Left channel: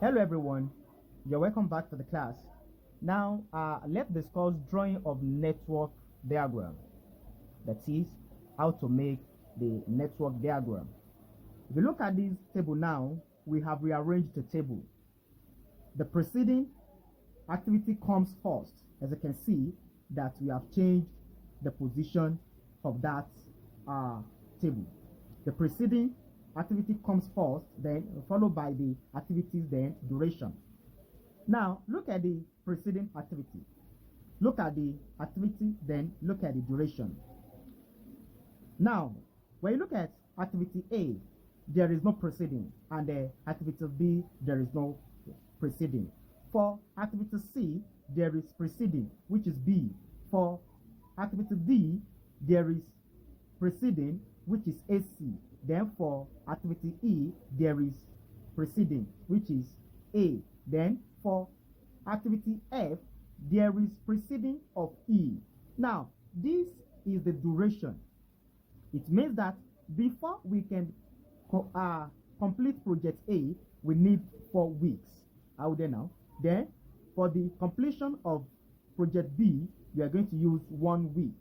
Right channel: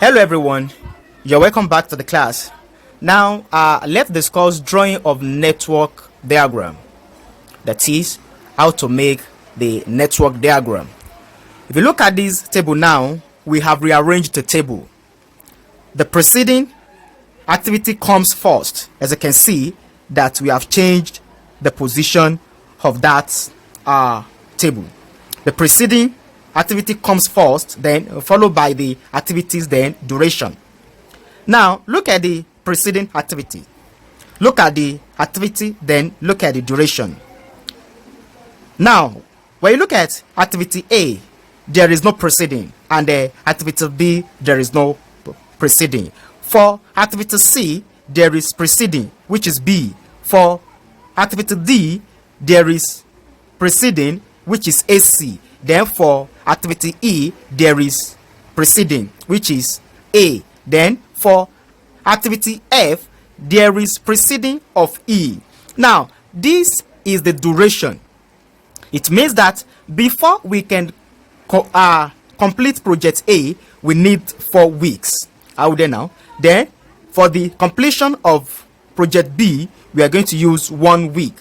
Hello everyone, you're welcome back to the class. Now let's discuss drawing of network diagram. That is how to make the network diagram. If you look at this table now, we have rearranged the table. The preceding activity comes first. As you can see that we have changed the position of that table. The preceding activity comes first, then followed by the activities, then duration. Now look at the preceding activity. Look at the activity, then look at the duration. Now when you look at activity A, there is no preceding, and the activity B, there is no preceding. For activity C, there is preceding, which is B. For activity D, there is preceding, which is AC. Then for activity E, there is preceding, which is A. Then for activity F, there is preceding of E. Now this is the duration. It means that before we can complete project A, we need 4 weeks. How there now? Then for the completion of project B, we are going to use 1 week.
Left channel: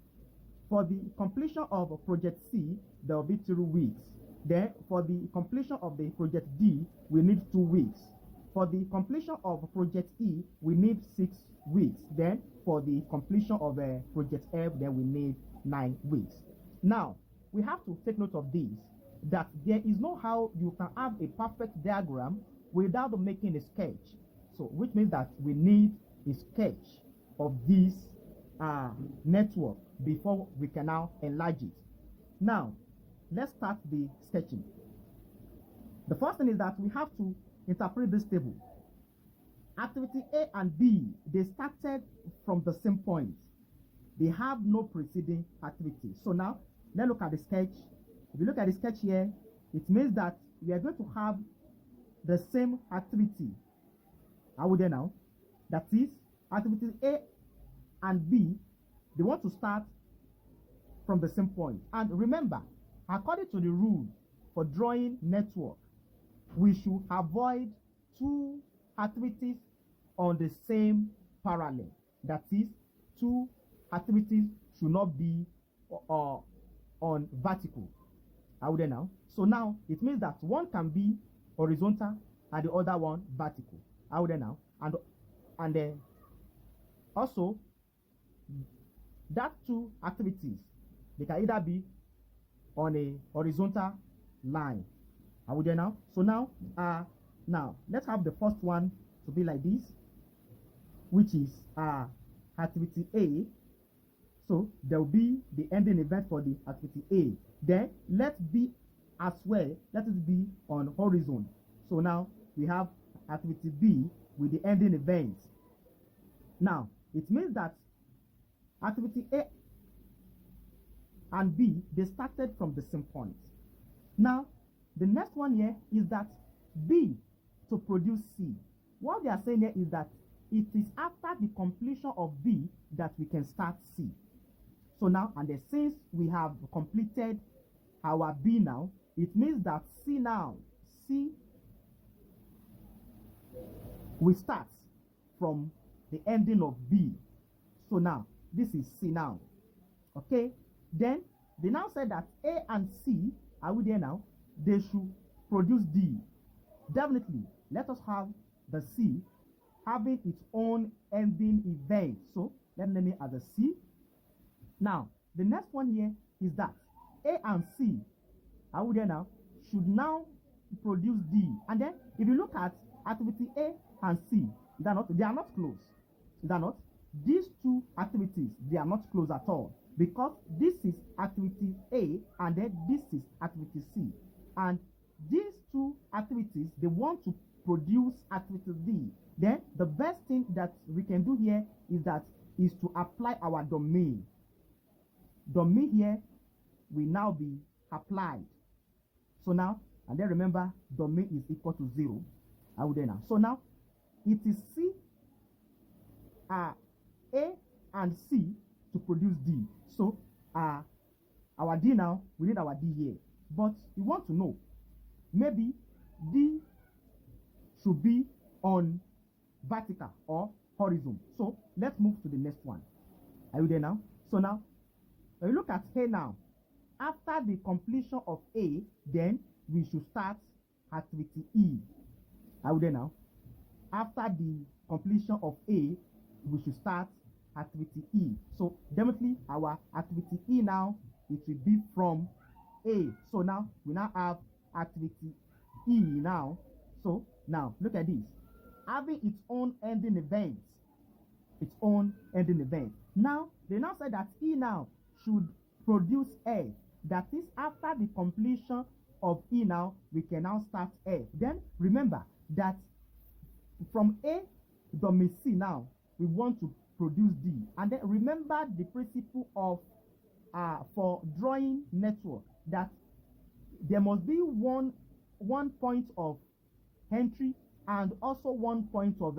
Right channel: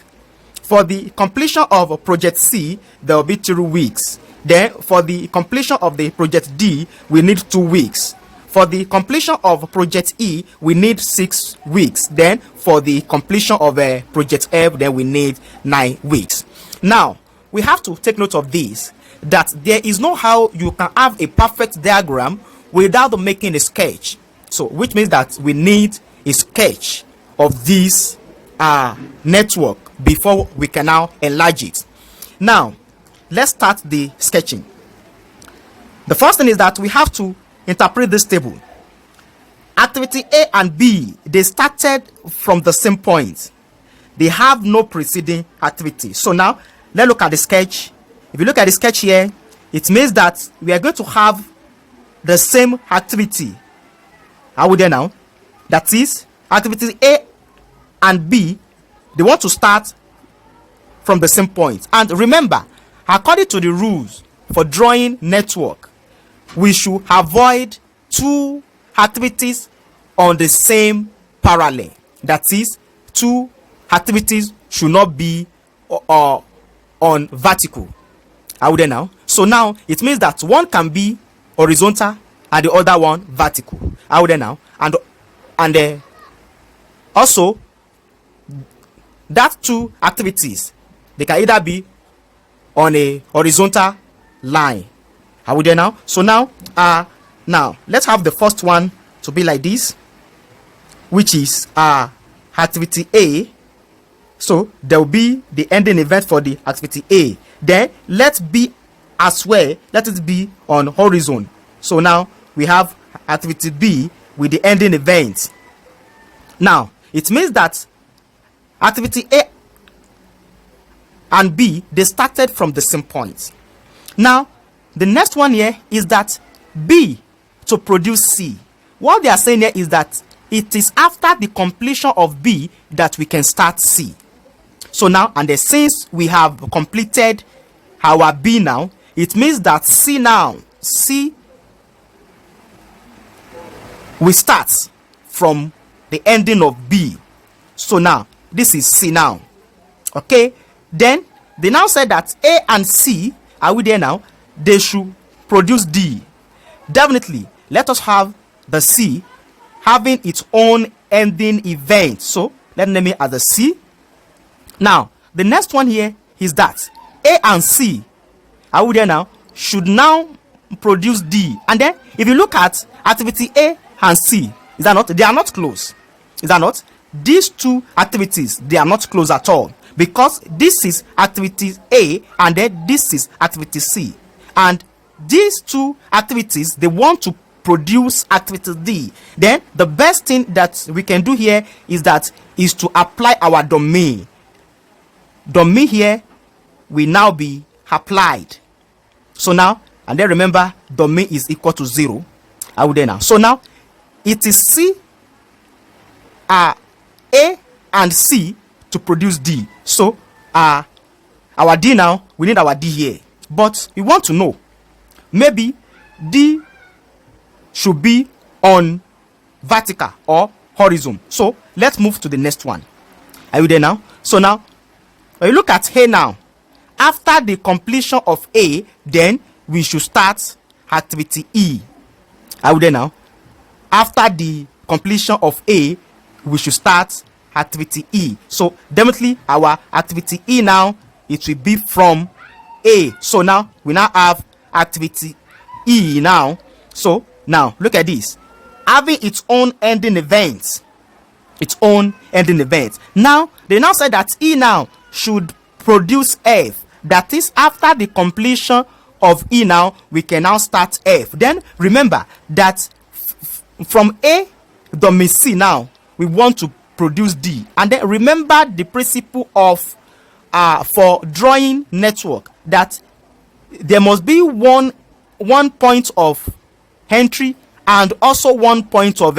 For the completion of project C, there will be 3 weeks. Then for the completion of the project D, we need 2 weeks. For the completion of project E, we need 6 weeks. Then for the completion of project F, then we need 9 weeks. Now we have to take note of this, that there is no how you can have a perfect diagram without making a sketch. So which means that we need a sketch of this network before we can now enlarge it. Now let's start the sketching. The first thing is that we have to interpret this table. Activity A and B, they started from the same point. They have no preceding activity. So now let's look at the sketch. If you look at the sketch here, it means that we are going to have the same activity. How would they now? That is, activity A and B, they want to start from the same point. And remember, according to the rules for drawing network, we should avoid 2 activities on the same parallel. That is, 2 activities should not be on vertical. How would they now? So now it means that one can be horizontal and the other one vertical. How would they now? And also that 2 activities, they can either be on a horizontal line. How would they now? So now let's have the first one to be like this, which is activity A. So there will be the ending event for the activity A. Then let B as well, let it be on horizon. So now we have activity B with the ending event. Now it means that activity A and B, they started from the same point. Now the next one here is that B to produce C. What they are saying here is that it is after the completion of B that we can start C. So now, and since we have completed our B now, it means that C we start from the ending of B. So now this is C now. Okay, then they now said that A and C, are we there now? They should produce D. Definitely let us have the C having its own ending event. So let's name it as the C. Now the next one here is that A and C, are we there now, should now produce D. And then if you look at activity A and C, is that not? They are not close. Is that not? These 2 activities, they are not close at all, because this is activity A and then this is activity C. And these 2 activities, they want to produce activity D. Then the best thing that we can do here is to apply our domain. Domain here will now be applied. So now, and then remember, domain is equal to 0. I will then now. So now it is C, A and C to produce D. So our D now, we need our D here. But we want to know, maybe D should be on vertical or horizon. So let's move to the next one. Are you there now? So now, when you look at A now, after the completion of A, then we should start activity E. Are you there now? After the completion of A, we should start activity E. So definitely our activity E now, it will be from A. So now we now have activity E now. So now look at this, having its own ending event. Now they now say that E now should produce F. That is, after the completion of E now, we can now start F. Then remember that from A domain C now, we want to produce D. And then remember the principle of for drawing network, that there must be one point of entry and also one point of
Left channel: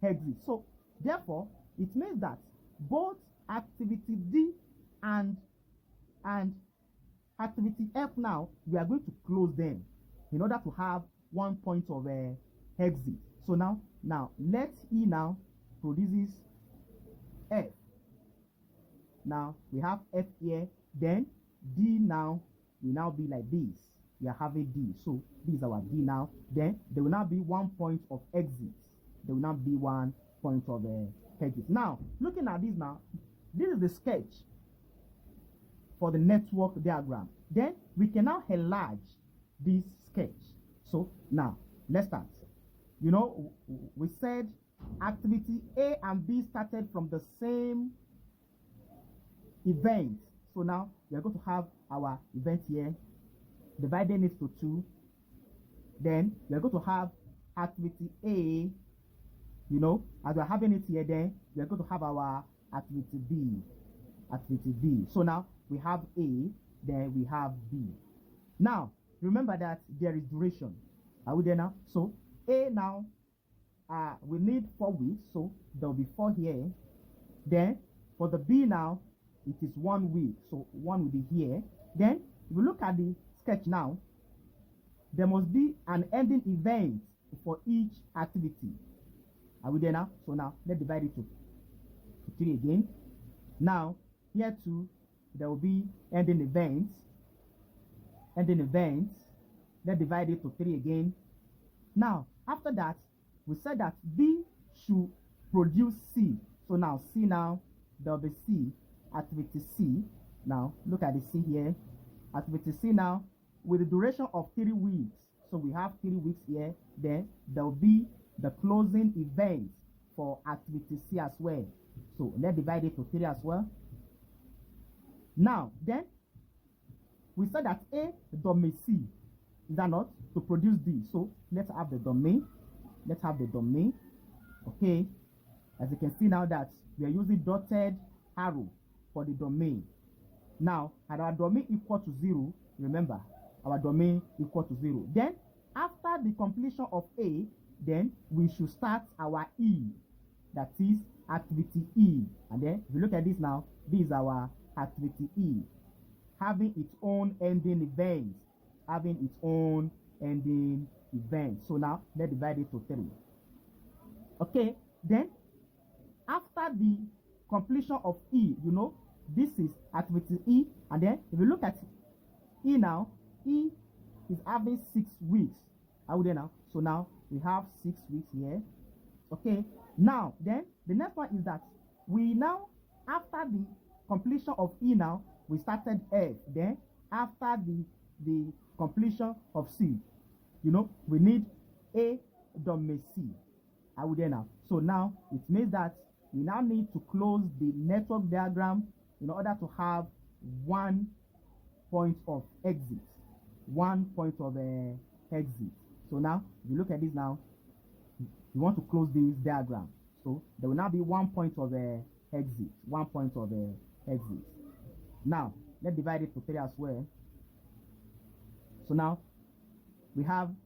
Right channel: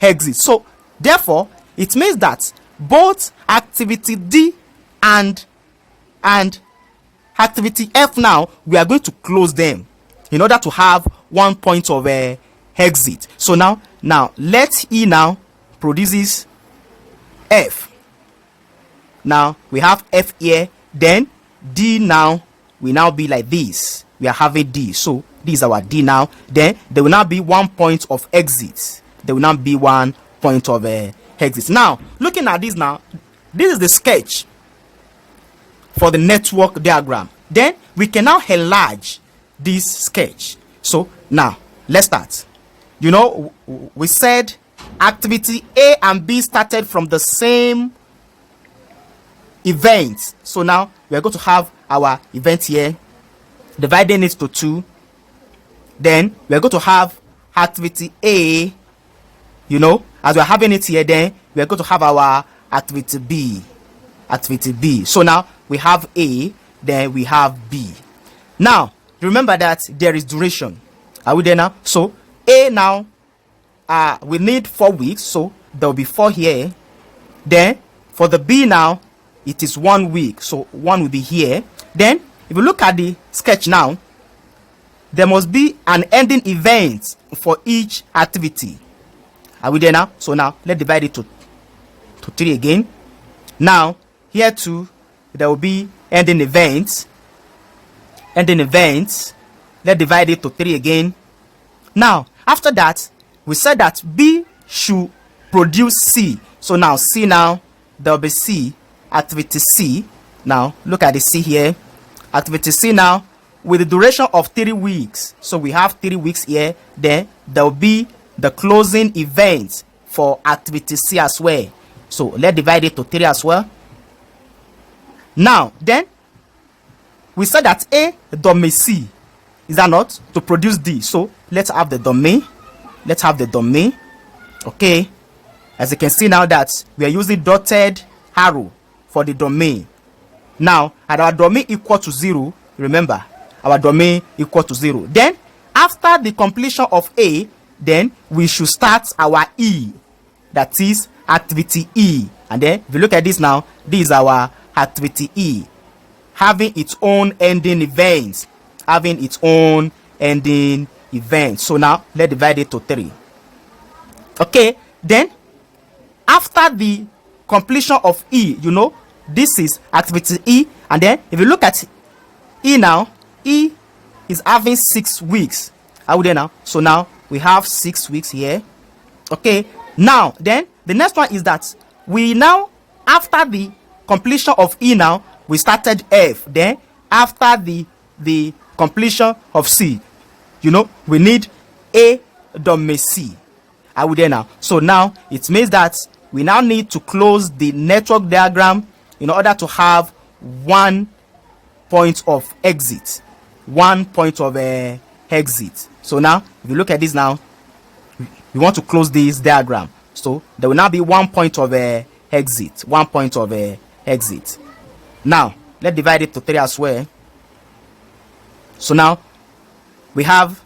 exit. So therefore it means that both activity D and activity F now, we are going to close them in order to have one point of exit. So now let E now produces F. Now we have F here, then D now will now be like this. We are having D, so this is our D now. Then there will now be one point of exit. There will now be one point of exit. Now looking at this now, this is the sketch for the network diagram. Then we can now enlarge this sketch. So now let's start. You know, we said activity A and B started from the same event. So now we are going to have our event here, dividing it to 2. Then we are going to have activity A, you know, as we are having it here. Then we are going to have our activity B. So now we have A, then we have B. Now remember that there is duration. Are we there now? So A now, we need 4 weeks, so there will be 4 here. Then for the B now, it is 1 week, so 1 will be here. Then if you look at the sketch now, there must be an ending event for each activity. Are we there now? So now let's divide it to 3 again. Now here too, there will be ending events. Let's divide it to 3 again. Now after that, we said that B should produce C. So now C now, there will be C, activity C. Now look at the C here, activity C now with the duration of 3 weeks. So we have 3 weeks here. Then there will be the closing event for activity C as well. So let's divide it to 3 as well. Now then we said that A domain C, is that not, to produce D. So let's have the domain. Okay, as you can see now that we are using dotted arrow for the domain. Now at our domain equal to 0, remember our domain equal to 0, then after the completion of A, then we should start our E, that is activity E. And then if you look at this now, this is our activity E, having its own ending events. So now let's divide it to 3. Okay, then after the completion of E, you know, this is activity E. And then if you look at E now, E is having 6 weeks. Are we there now? So now we have 6 weeks here. Okay, now then the next one is that we now, after the completion of E now, we started F. Then after the completion of C, you know, we need A domain C. Are we there now? So now it means that we now need to close the network diagram in order to have one point of exit. So now if you look at this now, we want to close this diagram. So there will now be one point of exit. Now let's divide it to 3 as well. So now we have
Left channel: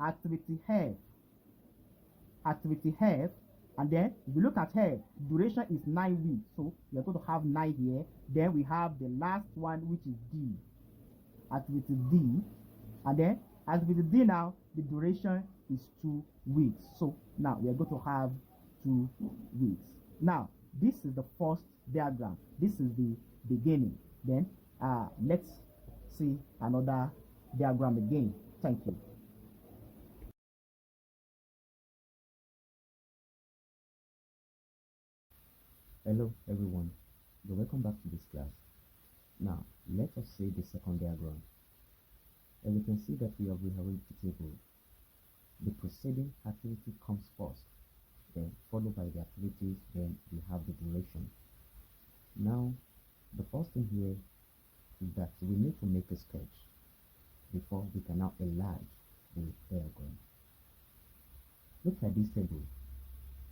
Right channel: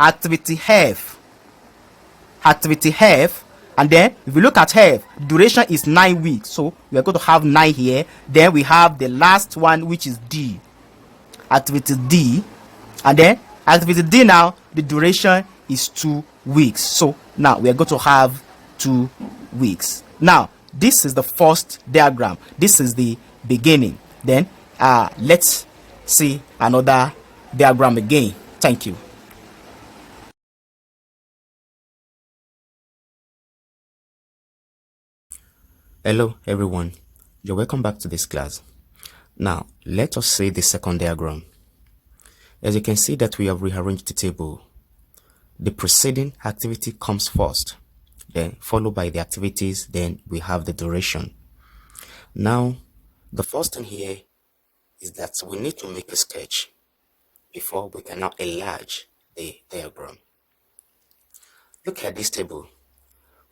activity F, and then if you look at F, duration is 9 weeks, so we are going to have 9 here. Then we have the last one, which is D, activity D. And then activity D now, the duration is 2 weeks. So now we are going to have 2 weeks. Now this is the first diagram. This is the beginning. Then let's see another diagram again. Thank you. Hello everyone, you're welcome back to this class. Now let us see the second diagram. As you can see that we have rearranged the table. The preceding activity comes first, then followed by the activities, then we have the duration. Now the first thing here is that we need to make a sketch before we can now enlarge the diagram. Look at this table.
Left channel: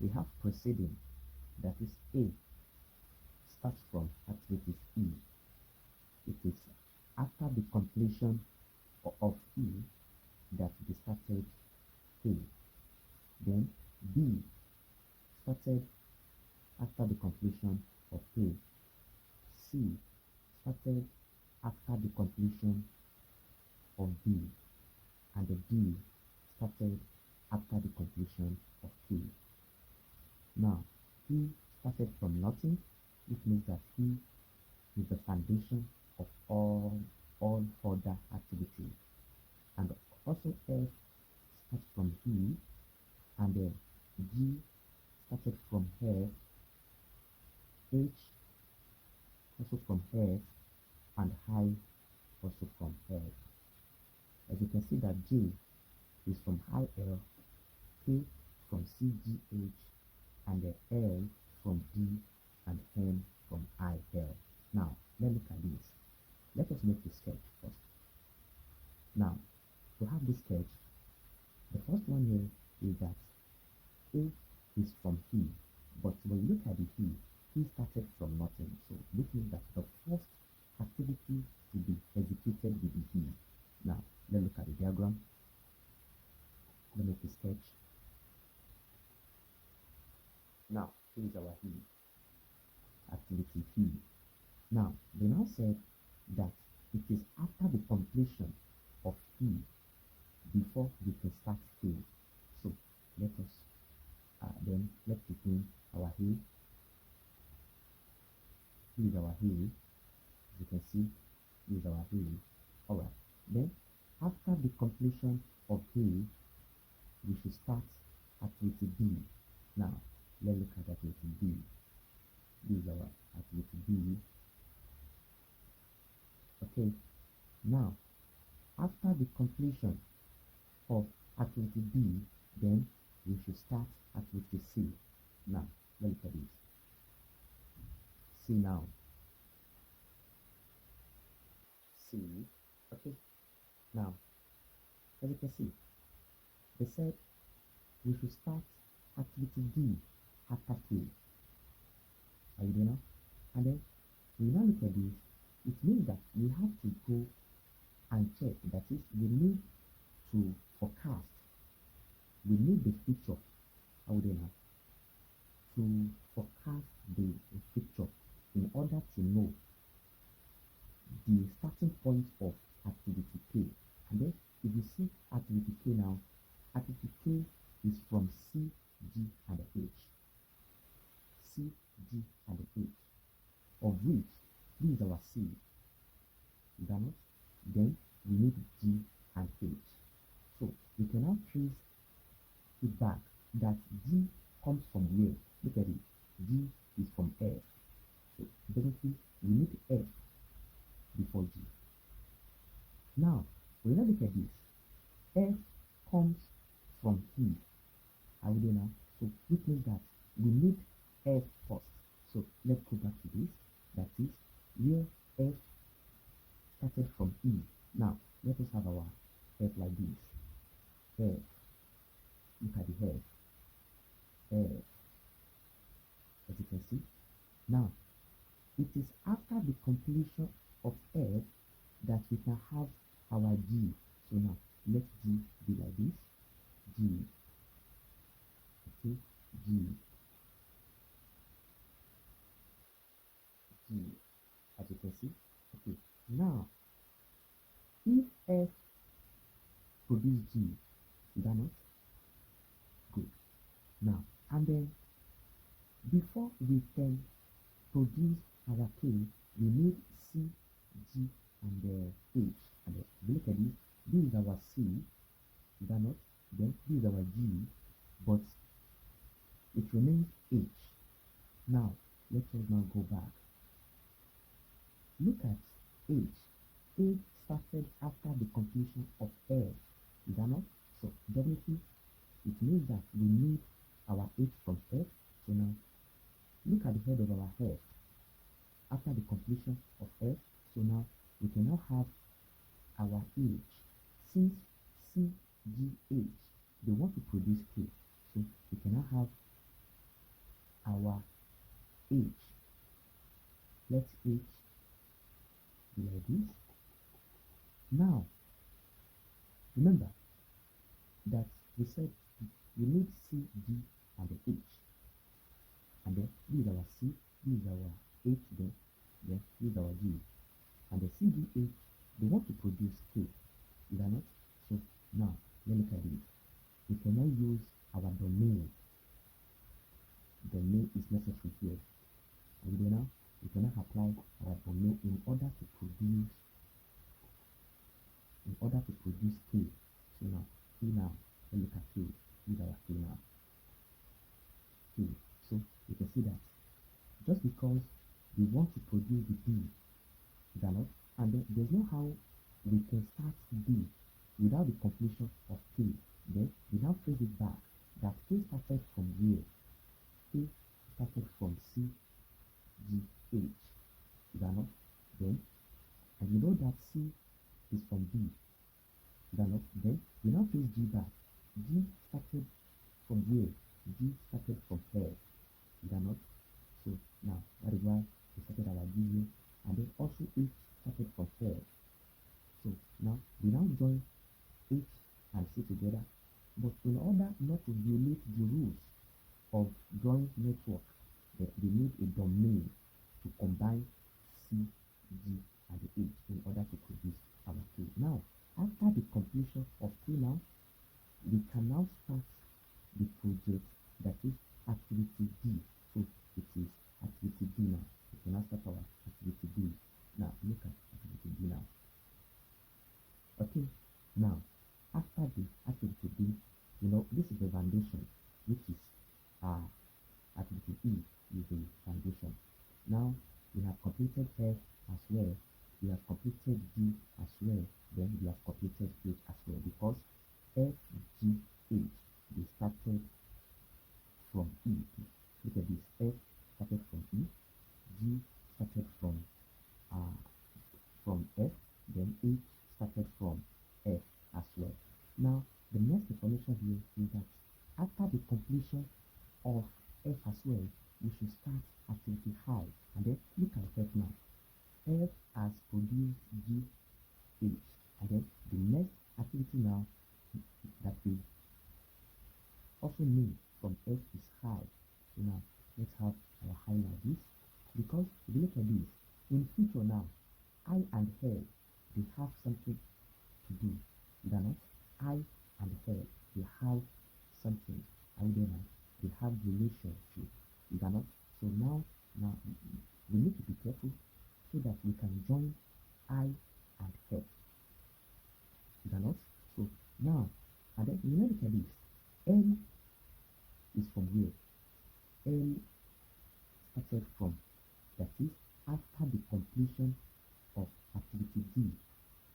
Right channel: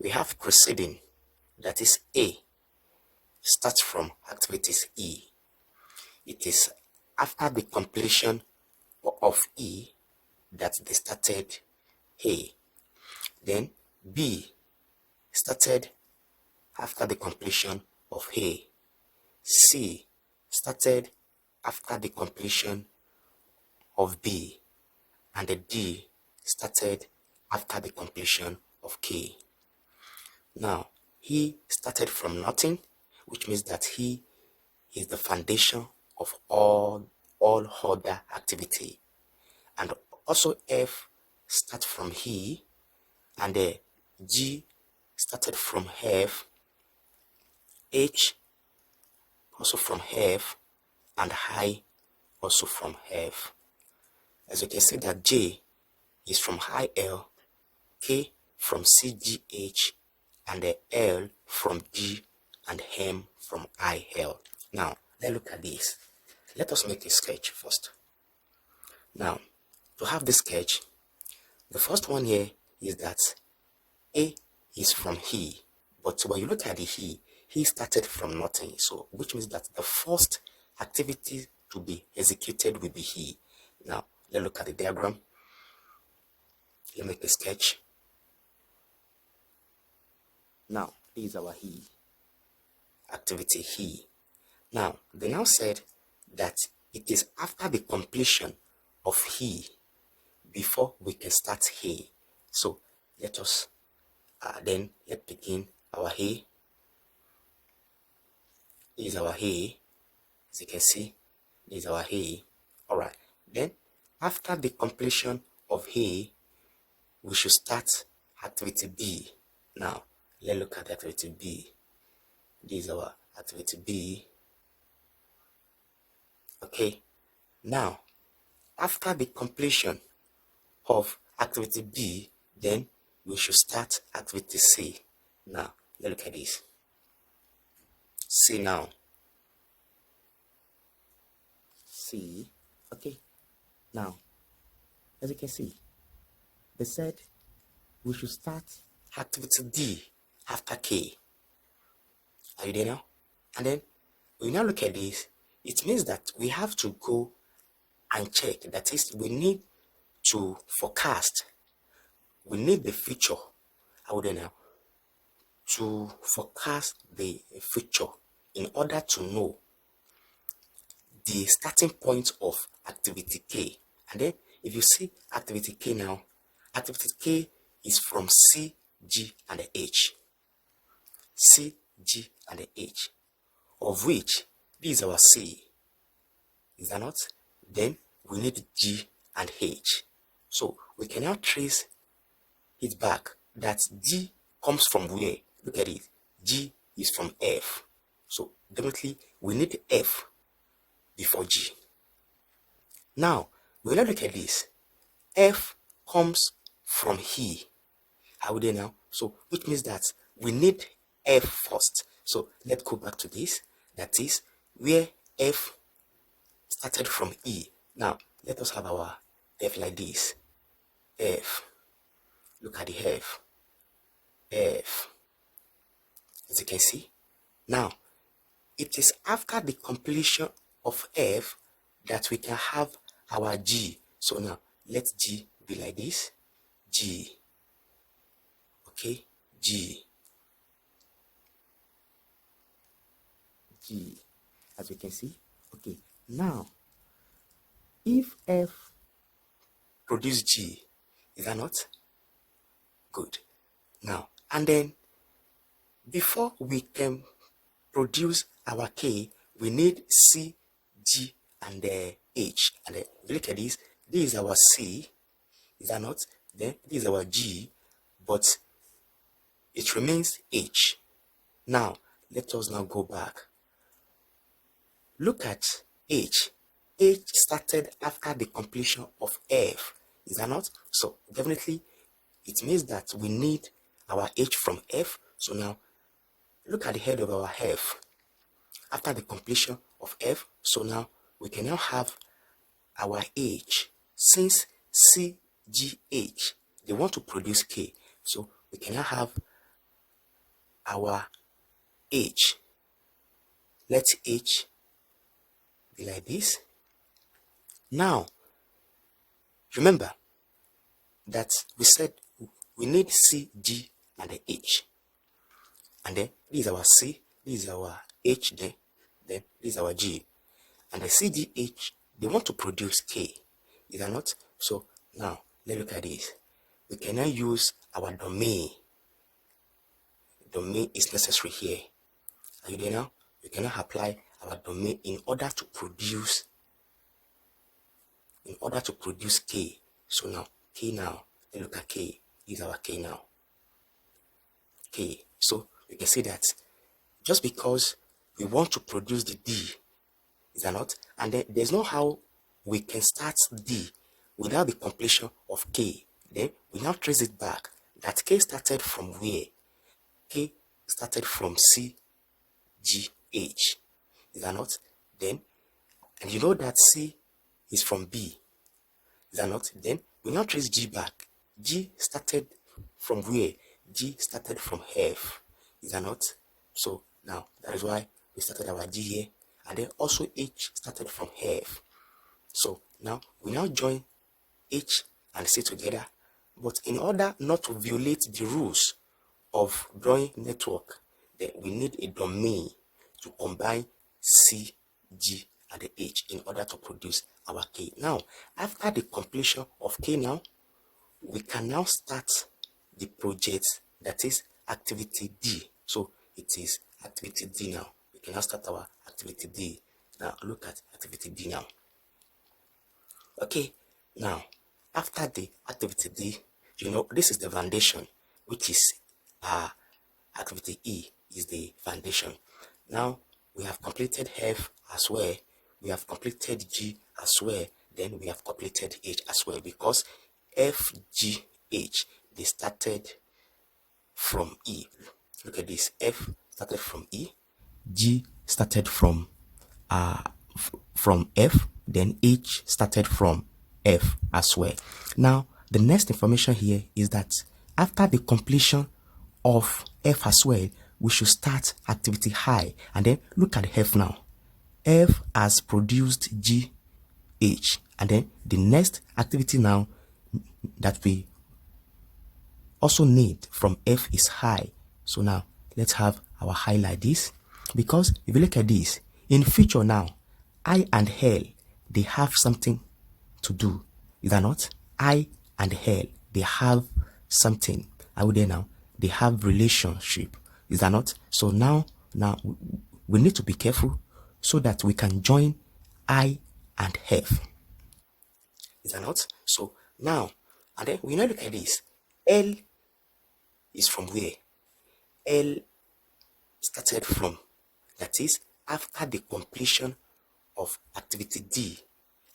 We have preceding, that is A, starts from activities E. It is after the completion of E that they started A. Then B started after the completion of A. C started after the completion of B. And the D started after the completion of K. Now, he started from nothing, which means that he is the foundation of all other activity. And also F start from he, and the G started from F, H also from F, and I also from F. As you can see that J is from IL, K from CGH, and the L from G, and M from IL. Now, let's look at this. Let us make a sketch first. Now, to have the sketch, the first one here is that A is from he, but when you look at the he started from nothing. So, which means that the first activity to be executed will be he. Now, let's look at the diagram. Let's make a sketch. Now, this is our he, activity he. Now, they now said that it is after the completion of he before we can start he. So, let us let's begin our he. This is our he. As you can see, this is our he. Alright, then after the completion of he, we should start activity B. Now, let's look at activity B. This is our activity B. Okay, now after the completion of activity B, then we should start activity C. Now, let's look at this. C now. C. Okay, now, as you can see, they said we should start activity D after K. Are you there now? And then we now look at this. It means that we have to go and check. That is, we need to forecast. We need the future. How do now? To forecast the future in order to know the starting point of activity K. And then if you see activity K now, activity K is from C, G, and the H. C, G, and the H, of which this is our C. Is that not? Then we need G and H. So we can now trace it back that G comes from where? Look at it. G is from F. So definitely we need F before G. Now, we will look at this. F comes from he. Are we there now? So, which means that we need F first. So, let's go back to this. That is where F started from E. Now, let us have our F like this. F. Look at the F. F. As you can see. Now, it is after the completion of F that we can have our G. So now, let G be like this. G. Okay, G. G. As you can see. Okay, now, if F produce G, is that not? Good. Now, and then before we can produce our K, we need C, G, and H. And if you look at this is our C, is that not? Then this is our G, but it remains H. Now, let us now go back. Look at H. H started after the completion of F, is that not? So definitely it means that we need our H from F. So now look at the head of our F after the completion of F. So now we can now have our H. Since C, G, H, they want to produce K, so we can now have our H. Let H be like this. Now remember that we said we need C, G, and the H, and then this is our C, this is our H, then this is our G, and the C, G, H, they want to produce K, is that not? So now let's look at this. We can now use our domain. Domain is necessary here. Are you there now? We can now apply our domain in order to produce K. So now K, now let's look at K. This is our K now. K. So we can see that just because we want to produce the D, is that not? And then there's no how we can start D without the completion of K. Then we now trace it back that K started from where? K started from C, G, H, is that not? Then, and you know that C is from B, is that not? Then we now trace G back. G started from where? G started from F, is that not? So now that is why we started our G here, and then also H started from F. So now we now join H and C together, but in order not to violate the rules of drawing network, then we need a domain to combine C, G, and the H in order to produce our K. Now, after the completion of K, now we can now start the project, that is activity D. So it is activity D now. We can now start our activity D. Now look at activity D now. Okay, now after the activity D, you know this is the foundation, which is activity E is the foundation. Now we have completed F as well, we have completed G as well, then we have completed H as well, because F, G, H, they started from E. Look at this. F started from E, G started from F, then H started from F as well. Now the next information here is that after the completion of F as well, we should start activity high, and then look at F now. F has produced G, H, and then the next activity now that we also need from F is high. So now let's have our high like this, because if you look at this in future now, I and L, they have something to do, is that not? I and L, they have something. Are we there now? They have relationship, is that not? So now we need to be careful so that we can join I and F, is that not? So now, and then we now look at this. L is from where? L started from, that is after the completion of activity D.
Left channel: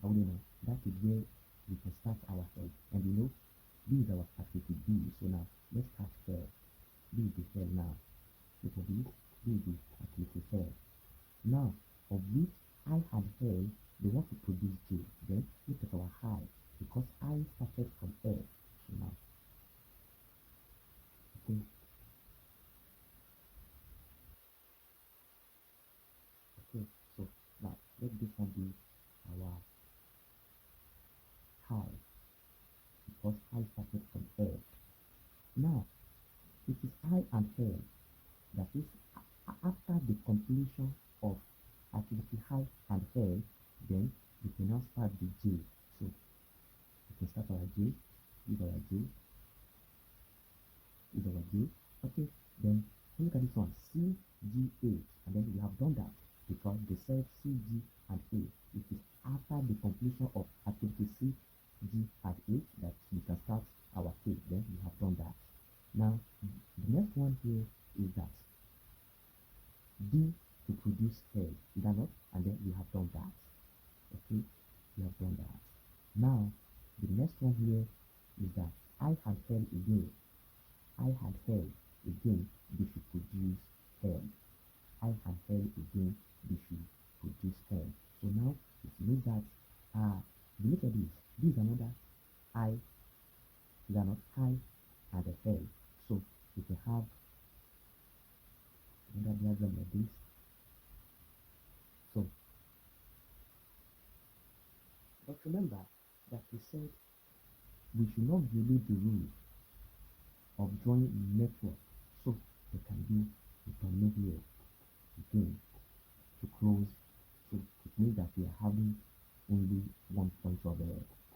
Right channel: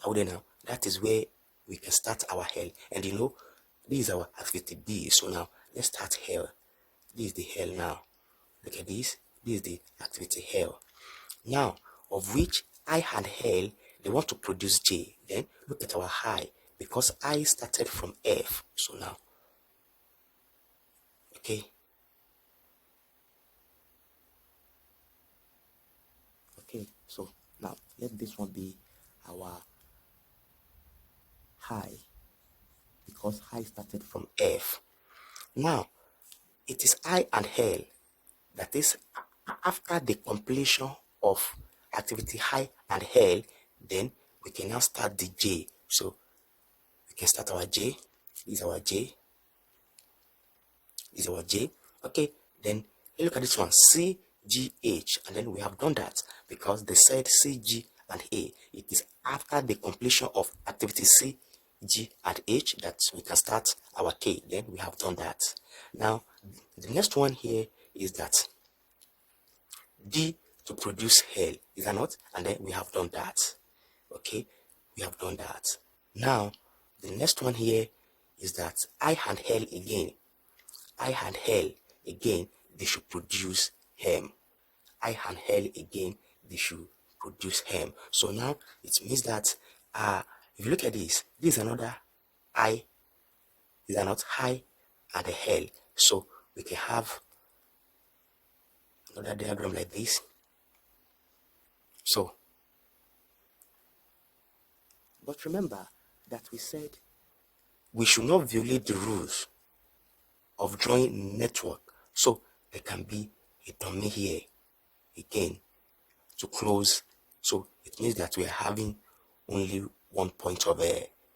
Are we there now? That is where we can start our L. And you know, this is our activity D. So now let's start L. This is the L now. Look at this. This is the activity L. Now, of which I and L, they want to produce J. Then look at our high, because I started from F. So now, okay. Okay, so now let this one be our high, because high started from F. Now, it is I and L, that is after the completion of activity high and L, then we can now start the J. So we can start our J. This is our J. is our J. Okay, then look at this one, CGH, and then we have done that because they said CG and A. It is after the completion of activity C, G, and H that we can start our K. Then we have done that. Now, the next one here is that D to produce L, is that not? And then we have done that. Okay, we have done that. Now, the next one here is that I and L again. I and L again, they should produce hem. I and L again, they should produce hem. So now it means that if you look at this is another I, these are not I and a L. So we can have another diagram like this. So, but remember that we said we should not violate the rules of drawing network. So there can be a dummy here again to close. So it means that we are having only one point of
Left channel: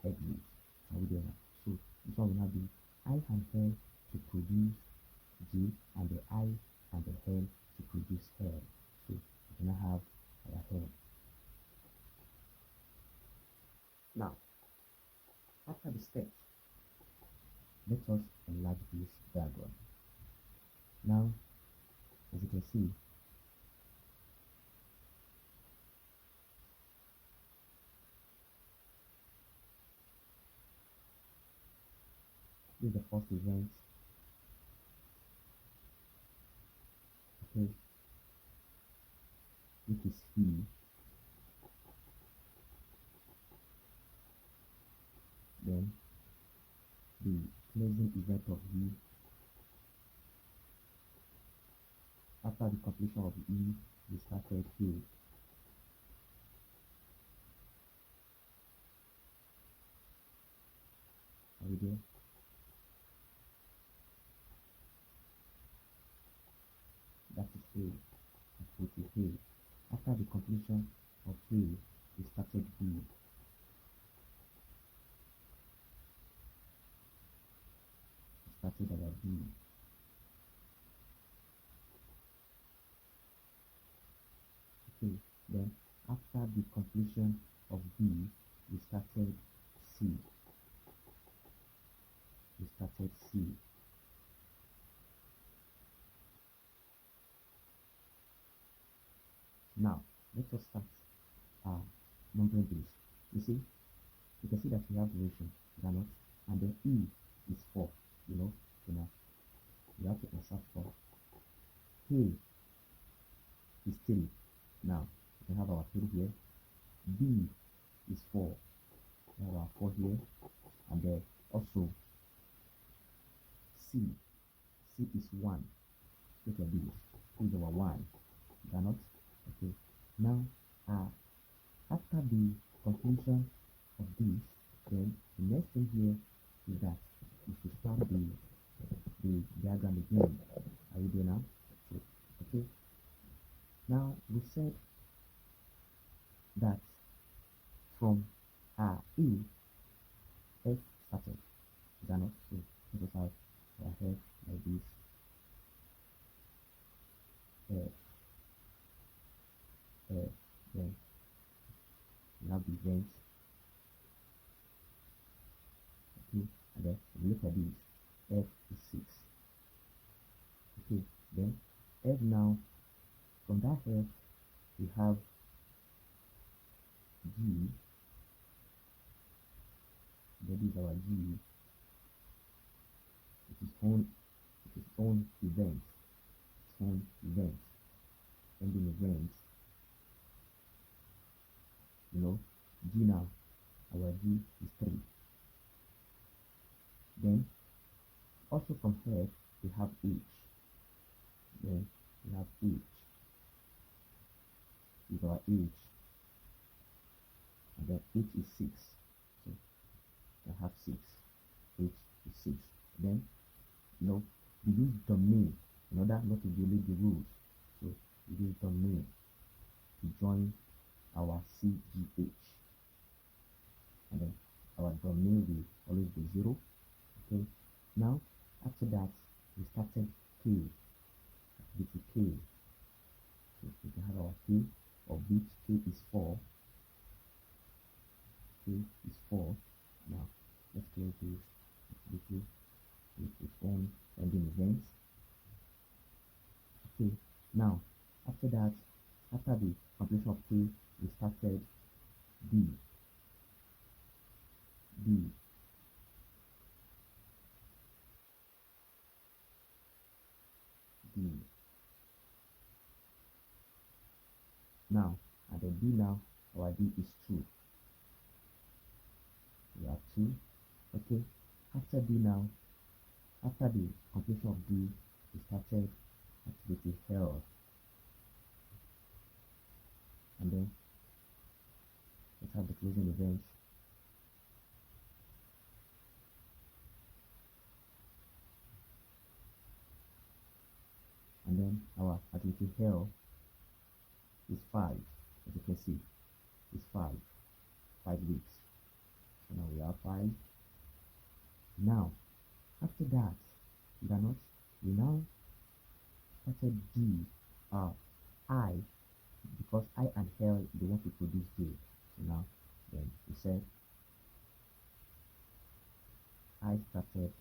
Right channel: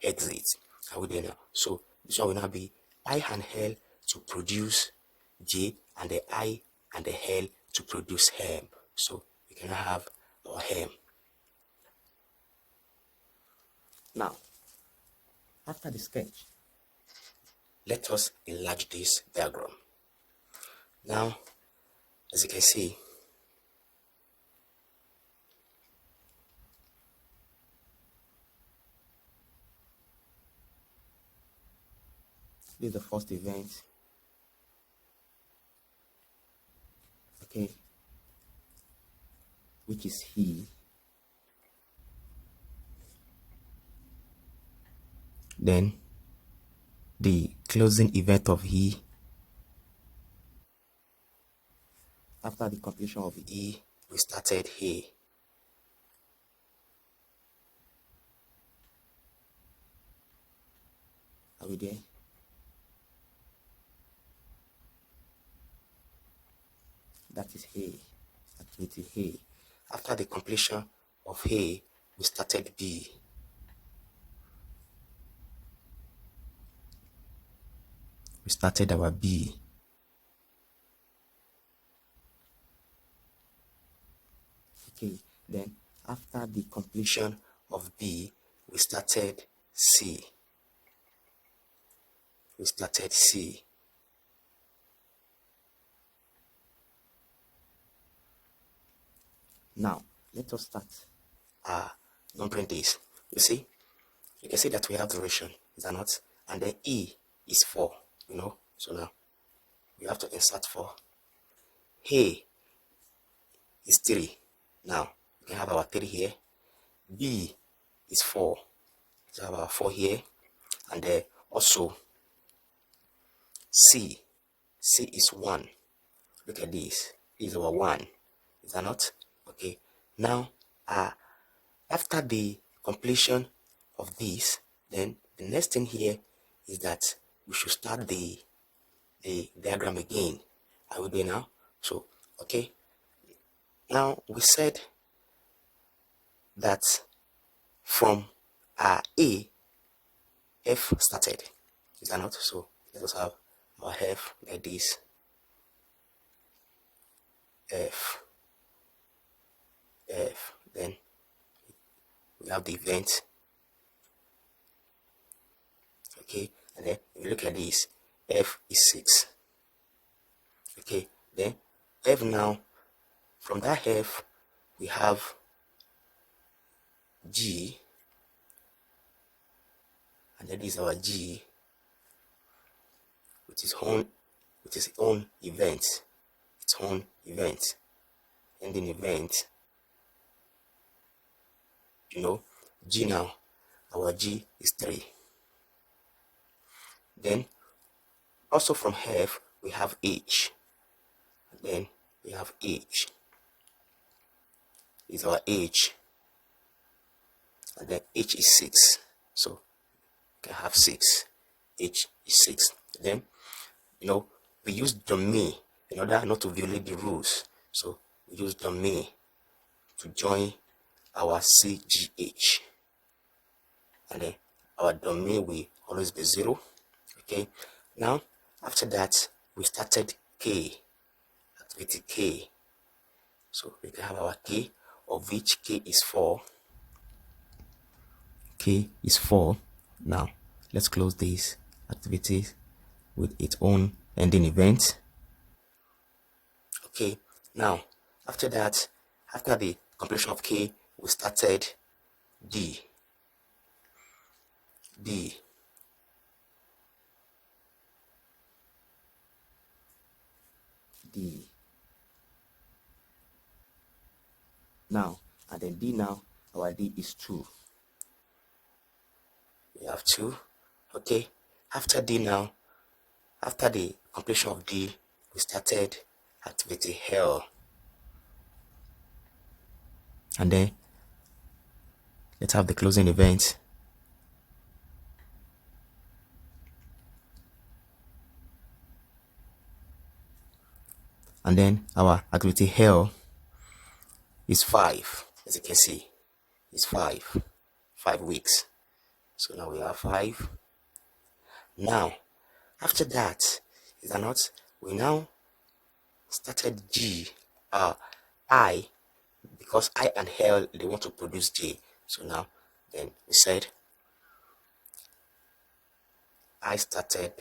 exit. Are we there now? So this one will now be I and L to produce J, and the I and the L to produce hem. So we can have our hem. Now, after the sketch, let us enlarge this diagram. Now, as you can see, this is the first event. Okay, which is he. Then the closing event of he. After the completion of E, we started here. Are we there? That is A, activity A. After the completion of A, we started B. We started our B. Okay, then after the completion of B, we started C. We started C. Now, let us start numbering this. You see, you can see that we have duration, is that not? And then E is 4, you know. So now, we have to insert 4. A is 3. Now, we can have our 3 here. B is 4. So have our 4 here. And then also, C is 1. Look at this. This is our 1. Is that not? Okay. Now, after the completion of this, then the next thing here is that we should start the diagram again. Are we there now? So, okay. Now, we said that from A, F started. Is that not? So, let us have our F like this. F. Then we have the event. Okay, and then if you look at this, F is 6. Okay, then F now, from that F, we have G, and then this is our G with its own event, ending event. You know, G now, our G is 3. Then also from F we have H. Then we have H is our H, and then H is 6. So we can have 6. H is 6. Then you know we use dummy in order not to violate the rules. So we use dummy to join our CGH, and then our domain will always be 0. Okay, now after that we started K, activity K. So we can have our K, of which K is 4. K is 4. Now let's close this activity with its own ending event. Okay, now after that, after the completion of K, we started D. D. D. Now, and then D now, our D is 2. We have 2. Okay, after D now, after the completion of D, we started activity L. And then let's have the closing event. And then our activity L is 5, as you can see, it's 5 weeks. So now we have 5. Now after that, is that not, we now started G, I, because I and L, they want to produce J. So now then we said I started,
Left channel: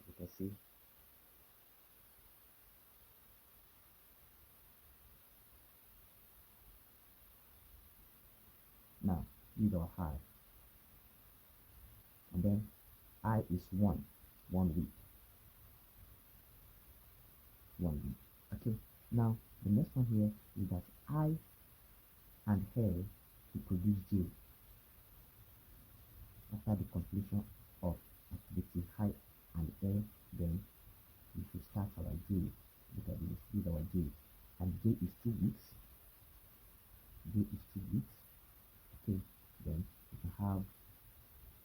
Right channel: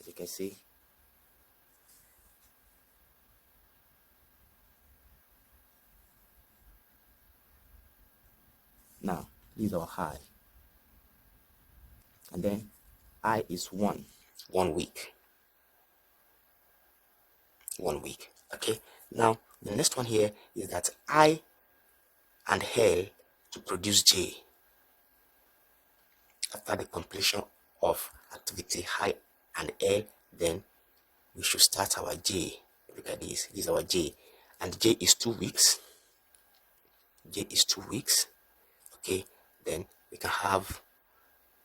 as you can see, now this is our high, and then I is 1 week. 1 week. Okay, now the next one here is that I and L to produce J. After the completion of activity I and L, then we should start our J. Look at this is our J, and J is 2 weeks. J is 2 weeks. Okay, then we can have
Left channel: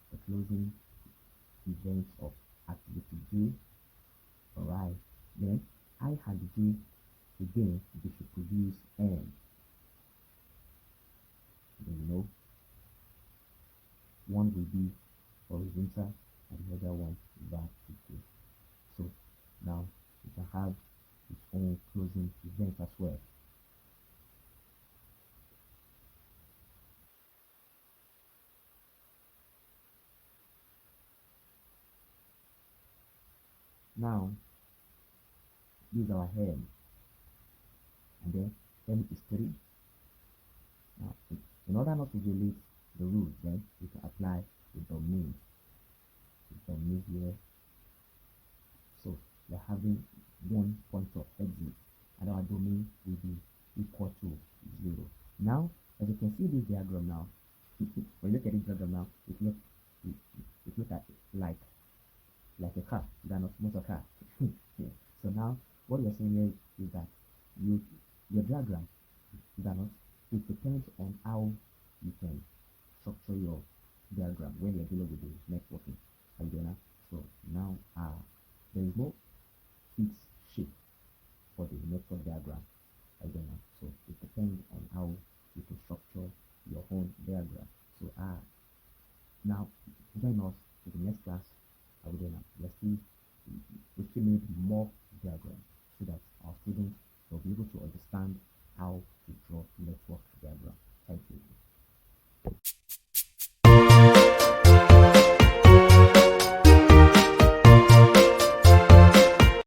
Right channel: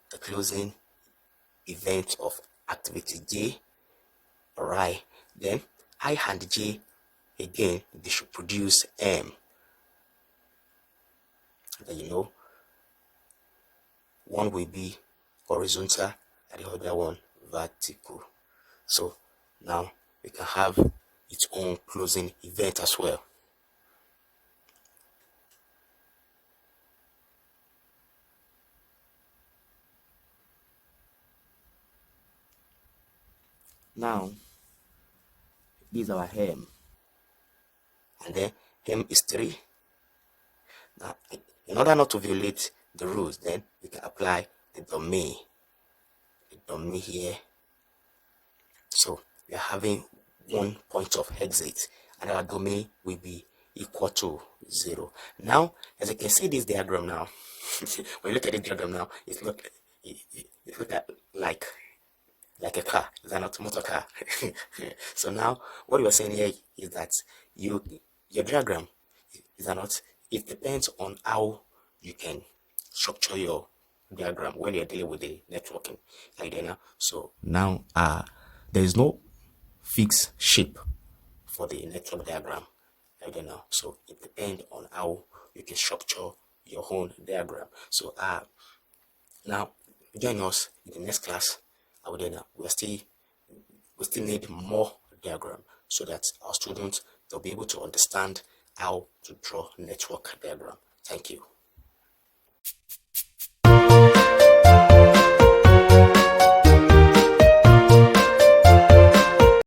the closing event of activity J. Alright, then I and J, again, they should produce M. And then one will be horizontal and the other one vertical. So now we can have its own closing event as well. Now this is our hem, and then hem is 3. Now in order not to violate the rules, then we can apply the domain here. So we are having 1 point of exit, and our domain will be equal to 0. Now as you can see this diagram now, when you look at the diagram now, it look like a car. Is that not motor car? So now what we are saying here is that your diagram, is that not, it depends on how you can structure your diagram when you're dealing with the networking idea. So now there is no fixed shape for the network diagram. I don't know. So it depends on how you can structure your own diagram. So now join us in the next class. We still need more diagram so that our students, they'll be able to understand how to draw network diagram. Thank you.